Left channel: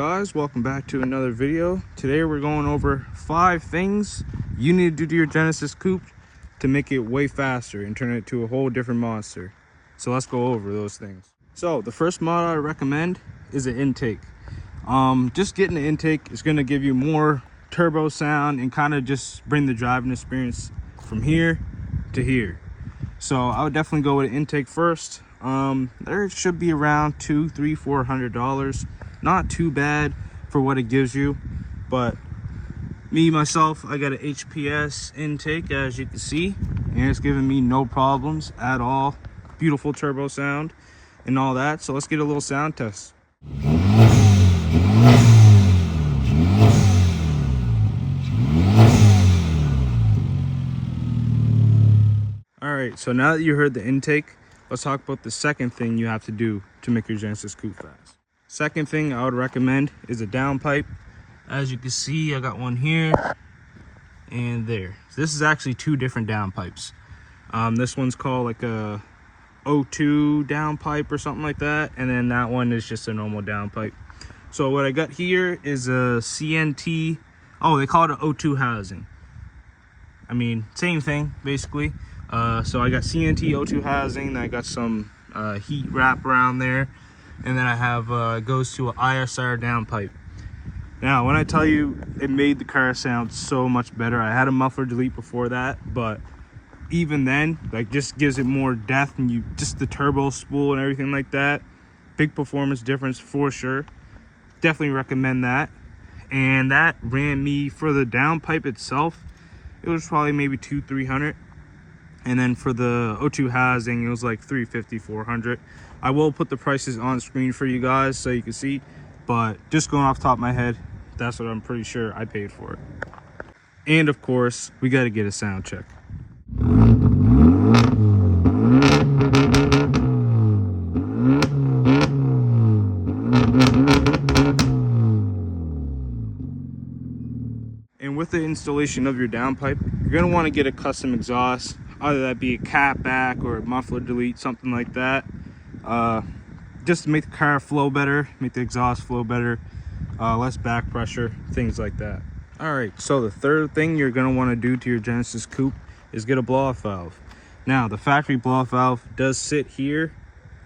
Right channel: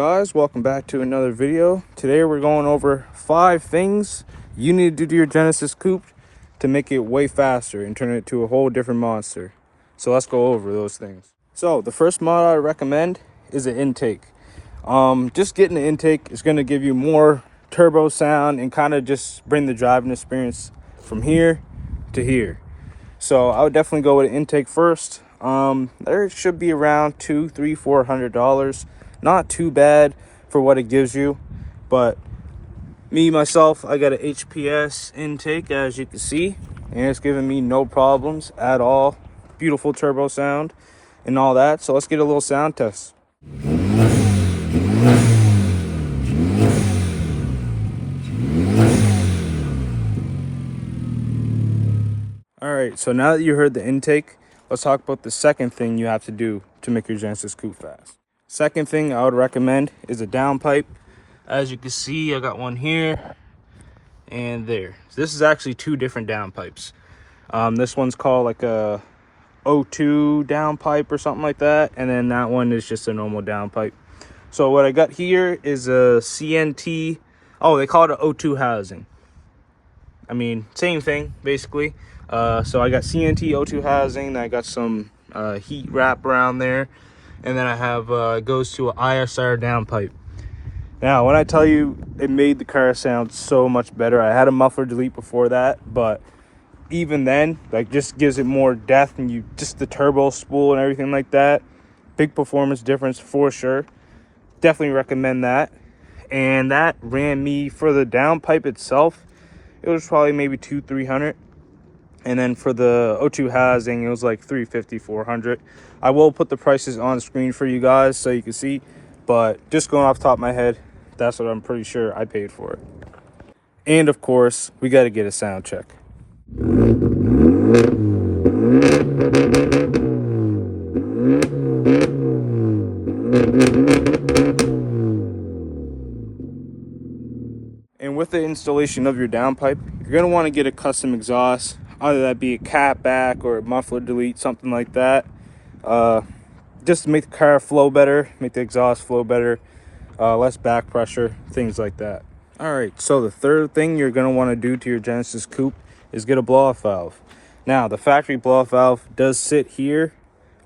guys, welcome back to another video. Today we're going over 5 things you need to do to your Genesis coupe to make it way faster and turn it into a whole different monster. So let's go over those things. So the first mod I recommend is an intake. Just getting the intake is going to give you more turbo sound and kind of just bring the driving experience from here to here. So I would definitely go with an intake first. There should be around $200, $300, $400. Not too bad for what it gives you, but myself, I got an HPS intake, as you can see, and it's giving me no problems at all. Beautiful turbo sound and all that. So let's get a little sound test. All right, so now that you heard the intake, let's talk about the second thing you have to do to make your Genesis coupe fast. Second thing I would recommend is a downpipe. As you can see, I got one here and there. So this is actually 2 different downpipes. This one's called like a O2 downpipe or something like that, and then that one is just a normal downpipe. So what I got here is a CNT. Oh, they call it an O2 housing. I mean, same thing basically. So I got CNT O2 housing, then I got some heat wrap around there, and then I have it goes to an ISR downpipe. Now, when I tell you it made the car sound so much better, I had a muffler delete before that, but even then, like, just gives it more depth, and you just the turbo spool and everything like that. Big performance difference for sure. Definitely recommend that. And that ran me for the downpipe itself. It was probably maybe $200-300. And then for the O2 housing, it was like $350, $400. I will put the prices on the screen for you guys so you can see, but just going off the top of my head, that's what I'm pretty sure I paid for it. And of course, we got to get a sound check. And with the installation of your downpipe, you're going to want to get a custom exhaust. Either that be a cat back or a muffler delete, something like that. Just to make the car flow better, make the exhaust flow better, less back pressure, things like that. All right, so the third thing you're gonna wanna do to your Genesis coupe is get a blow-off valve. Now, the factory blow-off valve does sit here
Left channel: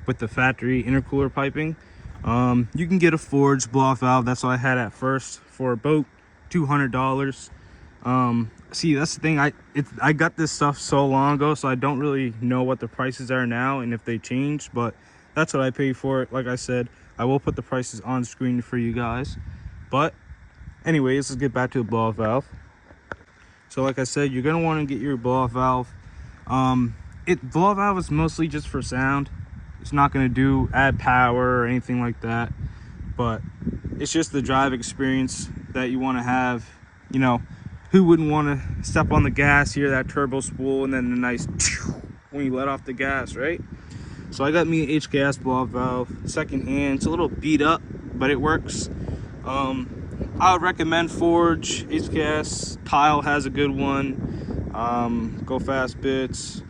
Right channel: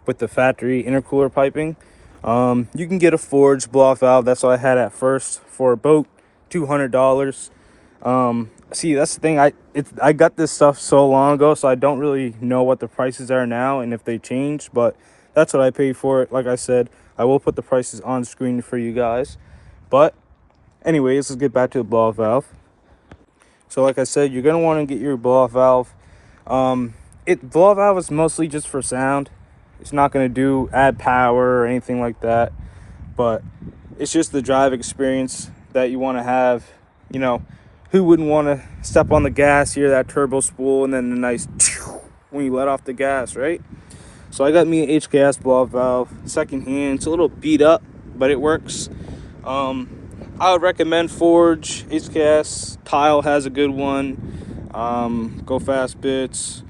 with the factory intercooler piping. You can get a forged blow-off valve. That's what I had at first for about $200. See, that's the thing, I got this stuff so long ago, so I don't really know what the prices are now and if they changed, but that's what I paid for it. Like I said, I will put the prices on screen for you guys. But anyways, let's get back to the blow-off valve. So like I said, you're going to want to get your blow-off valve. Blow-off valve is mostly just for sound. It's not going to add power or anything like that, but it's just the drive experience that you want to have. You know, who wouldn't want to step on the gas, hear that turbo spool, and then the nice when you let off the gas, right? So I got me an HKS blow-off valve, second hand. It's a little beat up, but it works. I would recommend Forge, HKS, Tile has a good one. Go Fast Bits.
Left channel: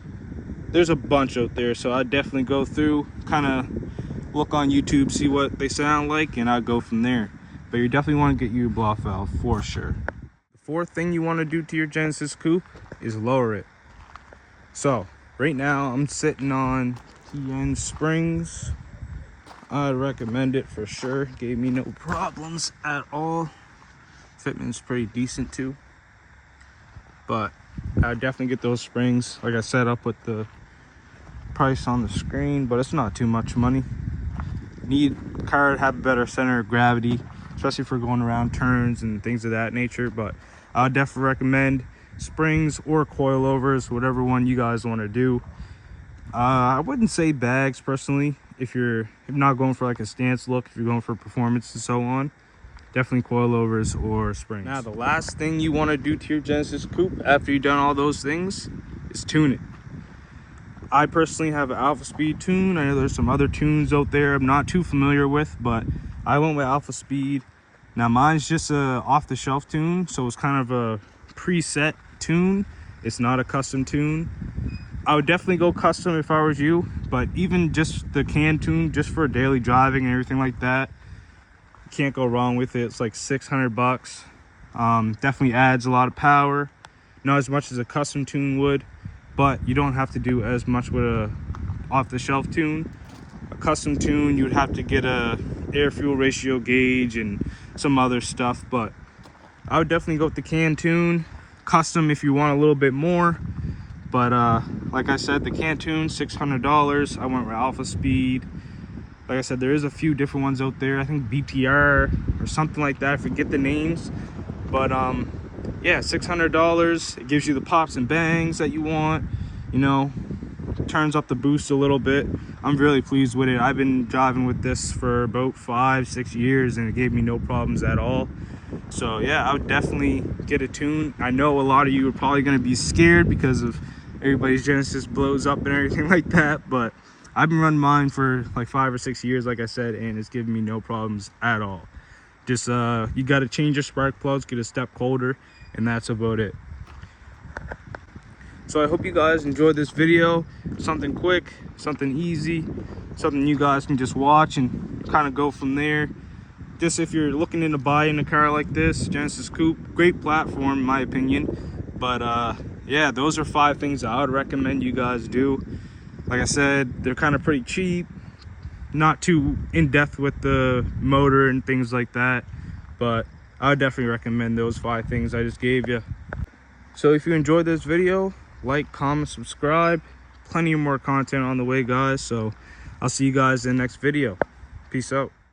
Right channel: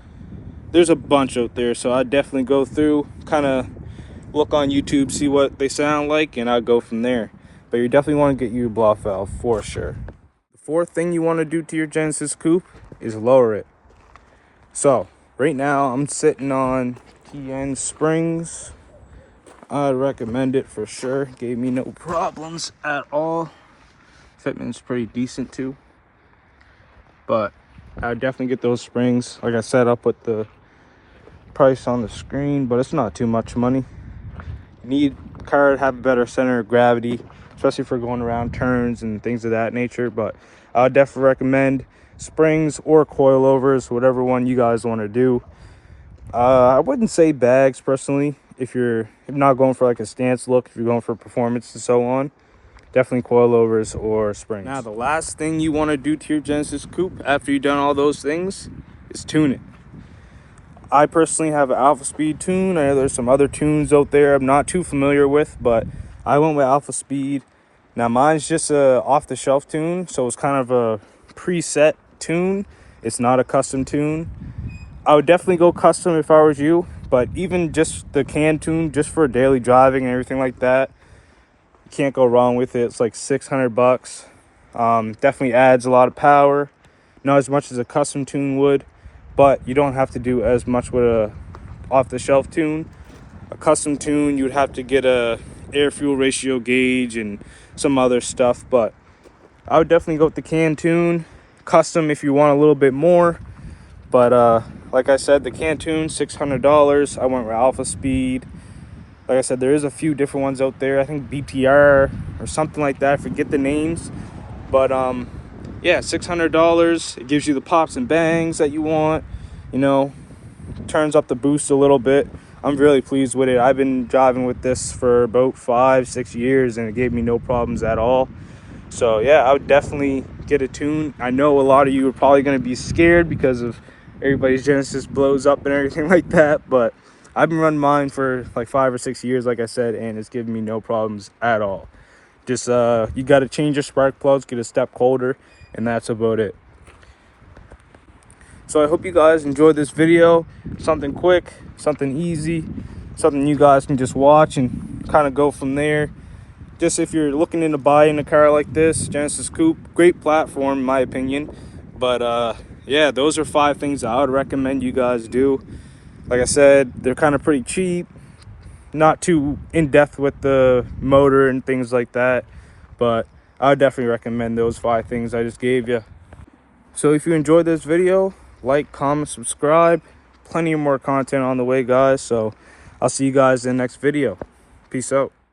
There's a bunch out there, so I'd definitely go through, kind of look on YouTube, see what they sound like, and I'd go from there. But you definitely want to get you a blow-off valve for sure. Fourth thing you want to do to your Genesis coupe is lower it. So right now I'm sitting on TN springs. I'd recommend it for sure. Gave me no problems at all. Fitment's pretty decent too, but I would definitely get those springs. Like I said, I'll put the price on the screen, but it's not too much money. You need the car to have a better center of gravity, especially for going around turns and things of that nature. But I would definitely recommend springs or coilovers, whatever one you guys want to do. I wouldn't say bags personally. If you're not going for like a stance look, if you're going for performance and so on, definitely coilovers or springs. Now, the last thing you want to do to your Genesis coupe after you've done all those things is tune it. I personally have an Alpha Speed tune. I know there's some other tunes out there I'm not too familiar with, but I went with Alpha Speed. Now mine's just a off-the-shelf tune, so it's kind of a preset tune. It's not a custom tune. I would definitely go custom if I was you, but even just the can tune, just for daily driving and everything like that, You can't go wrong with it. It's like 600 bucks. Definitely adds a lot of power, not as much as a custom tune would, but you don't have to do as much with a off-the-shelf tune. A custom tune, you would have to get a air fuel ratio gauge and some other stuff, but I would definitely go with the can tune. Custom if you want a little bit more, but like I said, the can tune, $600. I went with Alpha Speed. Like I said, there is a few different ones out there. I think BTR or something like that. I forget the names, but yeah, $600. It gives you the pops and bangs that you want, you know, turns up the boost a little bit. I'm really pleased with it. I've been driving with this for about 5-6 years and it gave me no problems at all. So yeah, I would definitely get a tune. I know a lot of you are probably going to be scared because of everybody's Genesis blows up and everything like that, but I've been running mine for like 5 or 6 years, like I said, and it's given me no problems at all. Just you got to change your spark plugs, get a step colder, and that's about it. So I hope you guys enjoyed this video. Something quick, something easy, something you guys can just watch and kind of go from there. Just if you're looking into buying a car like this, Genesis Coupe, great platform in my opinion. But yeah, those are 5 things I would recommend you guys do. Like I said, they're kind of pretty cheap, not too in-depth with the motor and things like that, but I would definitely recommend those 5 things I just gave you. So if you enjoyed this video, like, comment, subscribe. Plenty of more content on the way, guys. So I'll see you guys in the next video. Peace out.